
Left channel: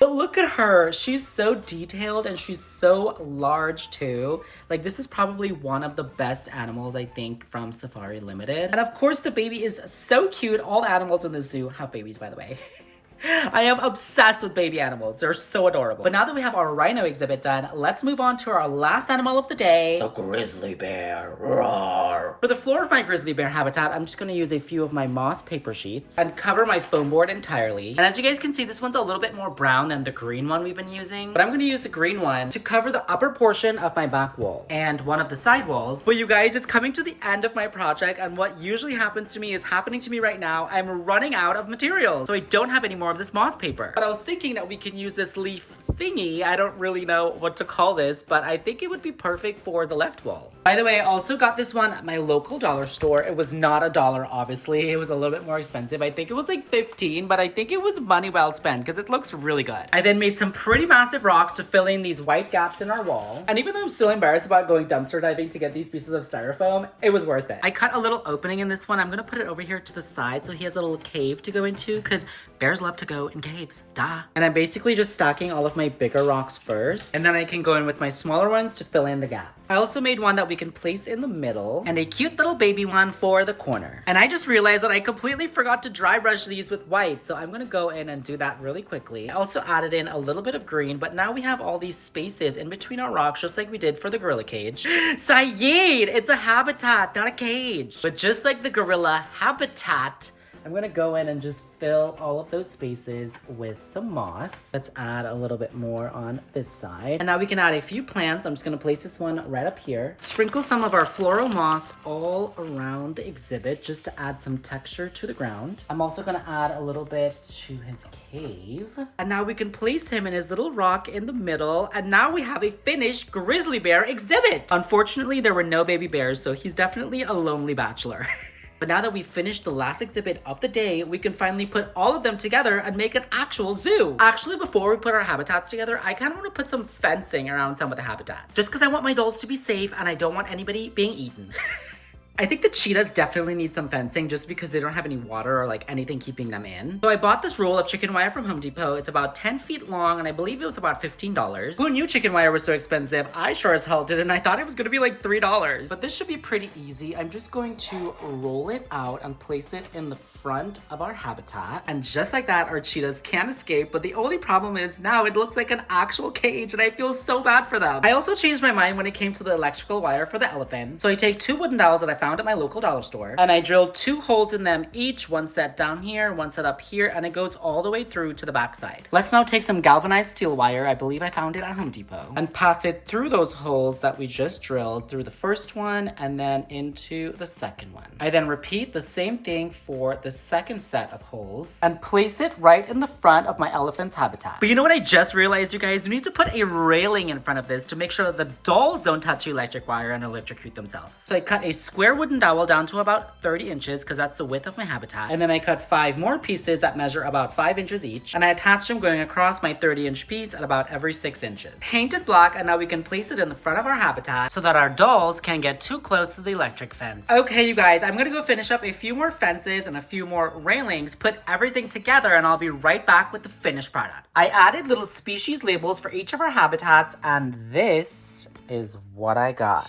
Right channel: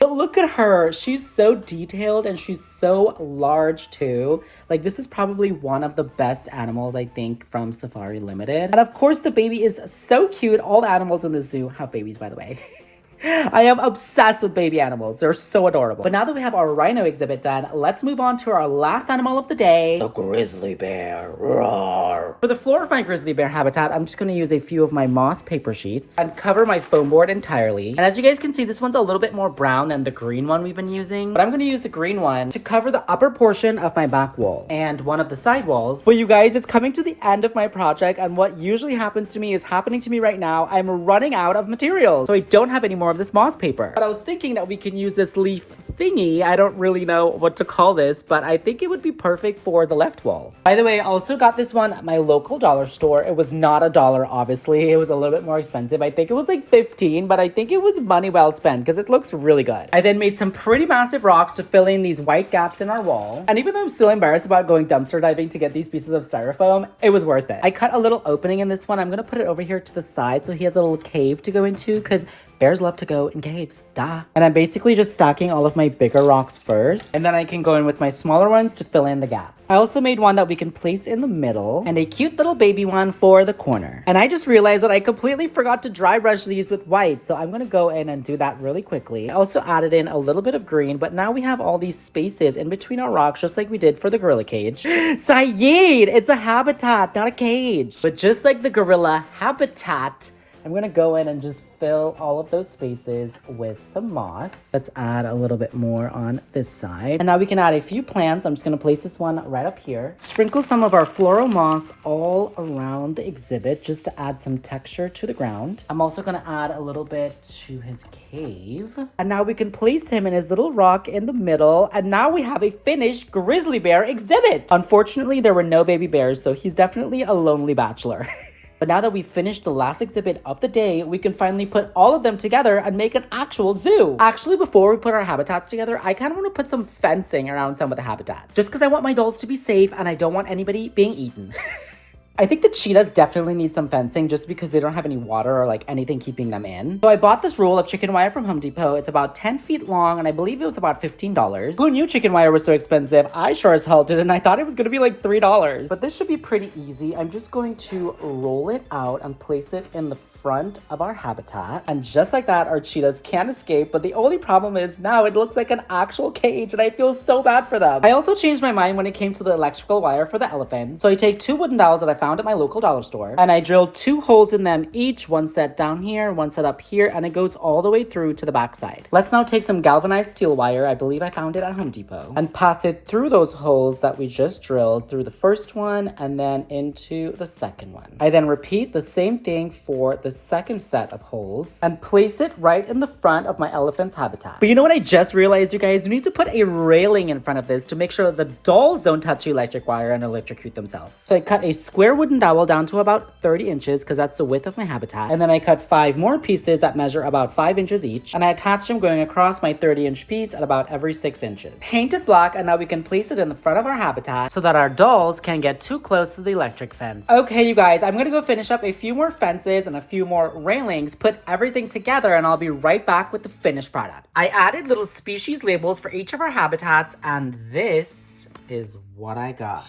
But look at her. She's so detailed and she's so large too. Like, this is probably one of the best animals, I think, from Safari Limited. And of course, the baby is so cute. All the animals in the zoo have babies, by the way. I am obsessed with baby animals. They're so adorable. But now that we have our rhino exhibit done, let's move on to our last animal of the day, the grizzly bear. Roar. For the floor of my grizzly bear habitat, I'm just gonna use a few of my moss paper sheets and cover my foam board entirely. And as you guys can see, this one's a little bit more brown than the green one we've been using, but I'm gonna use the green one to cover the upper portion of my back wall and one of the side walls. But you guys, it's coming to the end of my project, and what usually happens to me is happening to me right now. I'm running out of materials, so I don't have any more of this moss paper. But I was thinking that we can use this leaf thingy. I don't really know what to call this, but I think it would be perfect for the left wall. By the way, I also got this one at my local dollar store. It was not $1, obviously. It was a little bit more expensive. I think it was like 15, but I think it was money well spent because it looks really good. I then made some pretty massive rocks to fill in these white gaps in our wall. And even though I'm still embarrassed about going dumpster diving to get these pieces of styrofoam, it was worth it. I cut a little opening in this one. I'm gonna put it over here to the side so he has a little cave to go into because bears love to go in caves, duh. And I'm basically just stacking all of my bigger rocks first, and then I can go in with my smaller ones to fill in the gap. I also made one that we can place in the middle and a cute little baby one for the corner. And I just realized that I completely forgot to dry brush these with white, so I'm gonna go in and do that really quickly. I also added in a little bit of green, but now we have all these spaces in between our rocks, just like we did for the gorilla cage. Saeed, it's a habitat, not a cage. But just like the gorilla habitat, I'm gonna go in and just fill all of those spaces with some moss. Let's add a little bit more on this side. And now we can add a few plants. I'm just gonna place this one right up here. Sprinkle some of our floral moss all around the exhibit just to add some texture to the ground. I'm also gonna add a little bit to his cave. And now we can place him in his little rock in the middle. And now we have a finished grizzly bear exhibit. Unfortunately, there were no baby bears, so he's definitely a lonely bachelor. But now that we've finished the last exhibit of the day, we can finally put all of them together and make an actual zoo. Actually, before we put our habitats together, I kind of want to put some fencing around some of the habitats. Just because I want my dolls to be safe and I don't want anybody being eaten. I think the cheetahs definitely need some fencing just because they don't have any water or like anything keeping them in. So I bought this roll of chicken wire from Home Depot. It's about 10 feet long and I believe it was about $15. Who knew chicken wire was so expensive? I sure as hell did, and I thought it was gonna be like $3. But this should be pretty easy. I'm just going to roll it out and place it in the front of our habitat. And just like that, our cheetahs can escape, but the only problem is now it looks like an actual cage and I feel so bad for them. I also changed my mind when it came to the electrical wire for the elephant. So I take 2 wooden dowels that I found at my local dollar store and I drilled 2 holes in them each, one set down here, one set up here, and it goes all the way through to the back side. Let's now take some galvanized steel wire, I believe I found it at Home Depot, and pass it through those holes that we just drilled through the first one and then into the second one. I then repeat the same thing for the second set of holes and place it right in the front of my elephant's habitat. But you know what I just realized, you guys? We need to put a railing in front of this to make sure that the dolls don't touch the electric wire and electrocute themselves. So I cut a square wooden dowel down to about 30 inches because that's the width of my habitat. And then I cut 5 more pieces that measure about 5 inches each, and I attached them going across my 30-inch piece at about every 6 inches. Painted black, and now we can place it in the front of our habitat so that our dolls can't get too close to the electric fence. Okay, you guys, I'm gonna go finish up a few more fences and a few more railings, put everything together, and I'll be right back with the finished product. I added little species labels for each of our habitats, and this is what I got.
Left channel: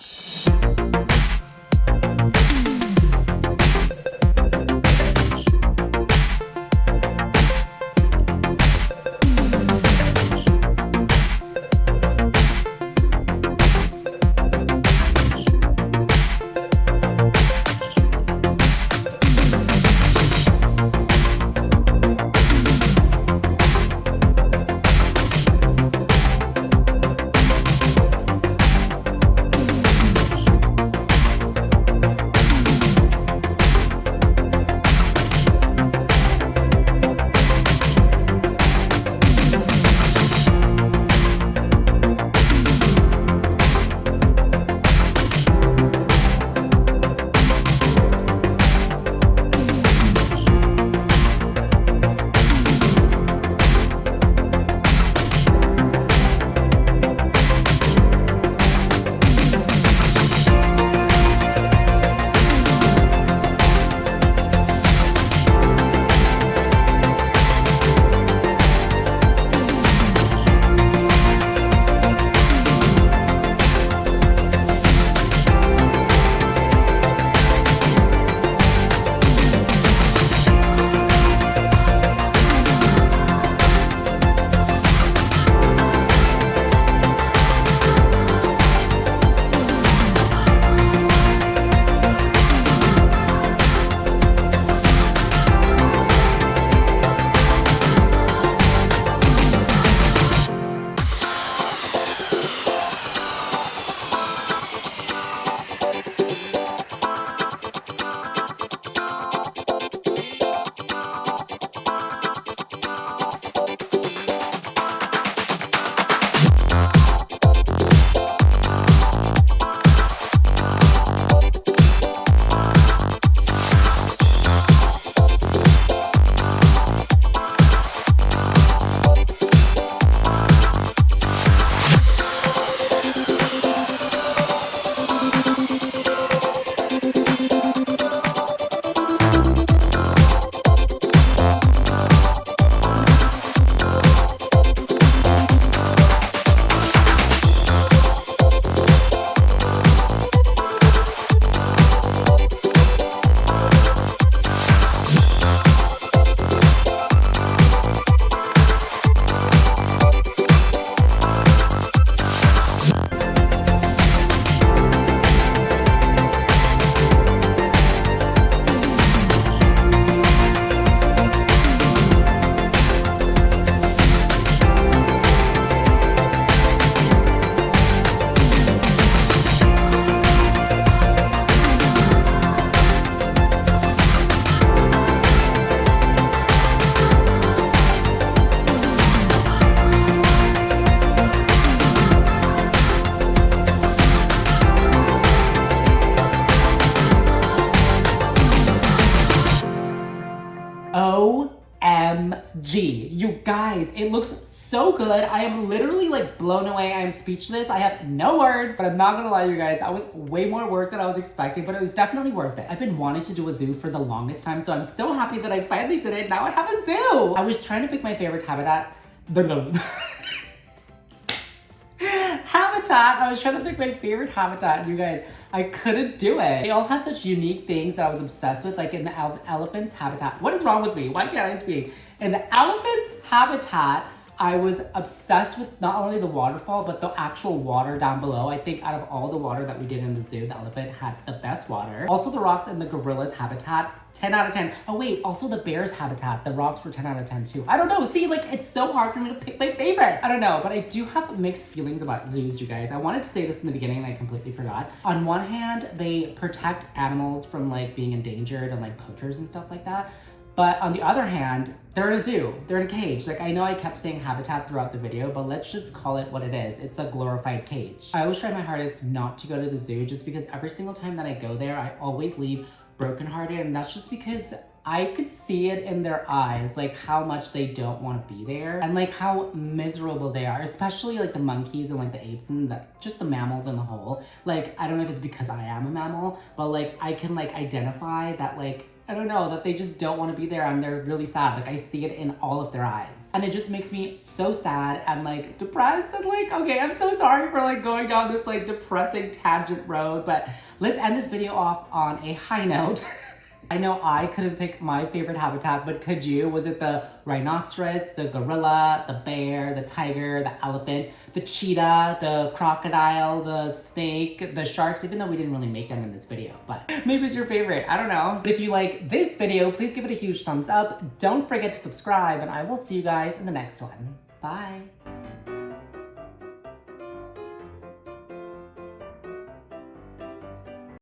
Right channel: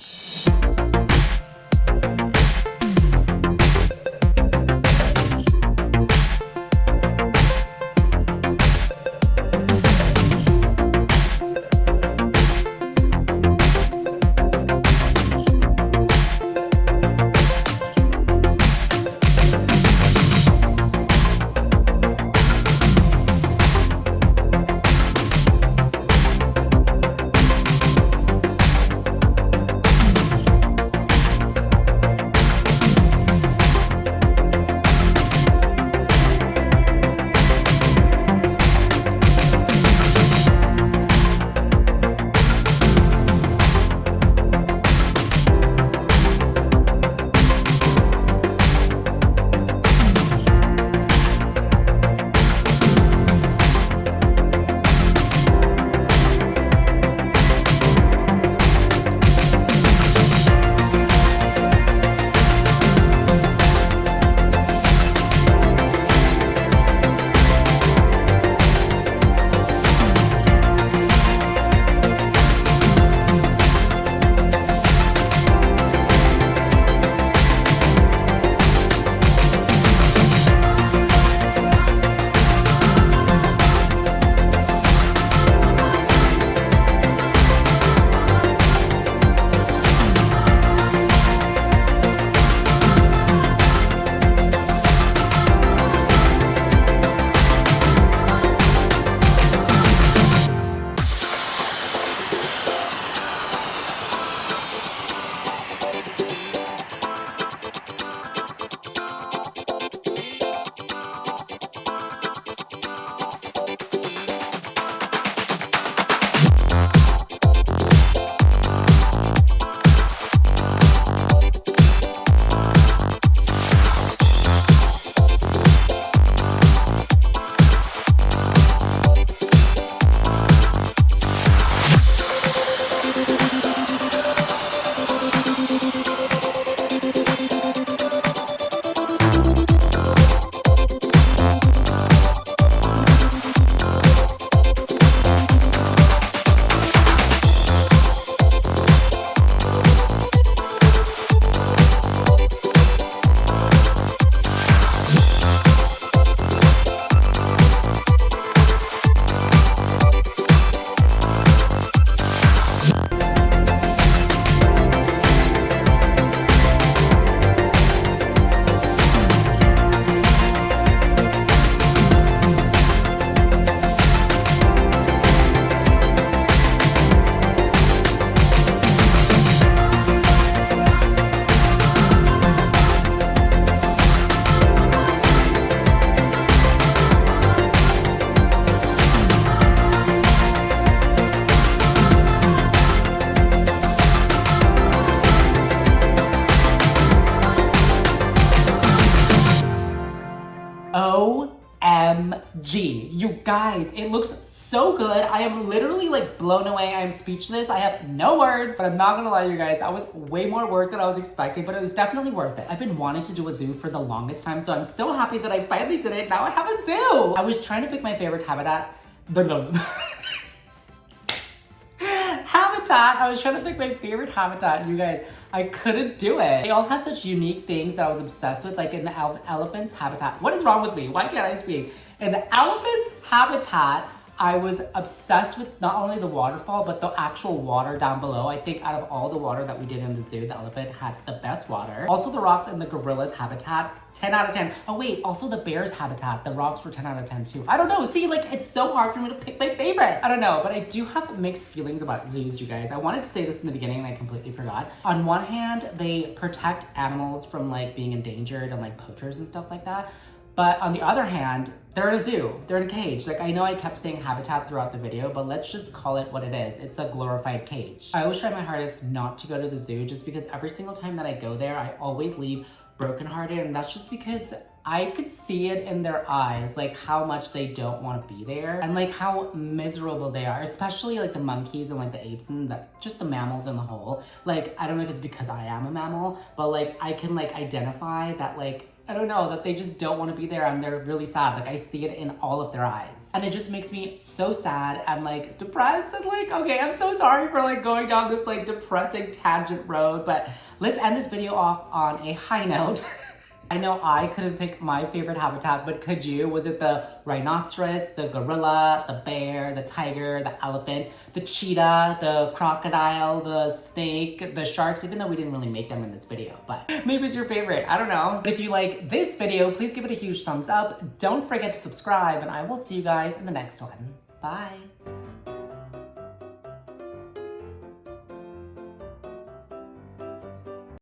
OMG. You guys, it looks so good. I am literally like blown away. I am speechless. I have no words, but I'm not gonna lie to you guys, that was way more work than I was expecting, but it was definitely worth it. I've been wanting to do a zoo for the longest time, so I'm so happy that I finally did it. Now I have a zoo. I was trying to pick my favorite habitat. Habitat habitat. I was trying to pick my favorite habitat, you guys. I couldn't do it. They all had such unique things that I was obsessed with, like in the elephant's habitat. What is wrong with me? Why can't I speak? In the elephant's habitat, I was obsessed with not only the waterfall, but the actual water down below. I think out of all the water that we did in the zoo, the elephant had the best water. Also the rocks in the gorilla's habitat, 10 out of 10. Oh wait, also the bear's habitat, the rocks were 10 out of 10 too. I don't know, see, like it's so hard for me to pick my favorite. I don't know, but I do have mixed feelings about zoos, you guys. I wanted to say this in the beginning and I completely forgot. On one hand, they protect animals from like being endangered and like poachers and stuff like that. But on the other hand, they're a zoo, they're in a cage. Like I know I kept saying habitat throughout the video, but let's just call it what it is. It's a glorified cage. I always try my hardest not to go to the zoo just because every single time that I go there, I always leave brokenhearted, and that's just because I could see it in their eyes, like how much they don't want to be there and like how miserable they are, especially like the monkeys and like the apes and just the mammals in the whole. Like, I don't know if it's because I am a mammal, but like I can like identify that like, I don't know, that they just don't want to be there and they're really sad. Like I see it in all of their eyes. And it just makes me so sad and like depressed and like, okay, I'm so sorry for like going down this like depressing tangent road, but let's end this video off on a high note. I know I couldn't pick my favorite habitat, but could you? Was it the rhinoceros, the gorilla, the bear, the tiger, the elephant, the cheetah, the crocodile, the snake, the sharks, even though we didn't really make them in this video, but maybe it's your favorite, I don't know. But if you like this video, please give it a huge thumbs up. Don't forget to subscribe and I will see you guys in the next one. Bye.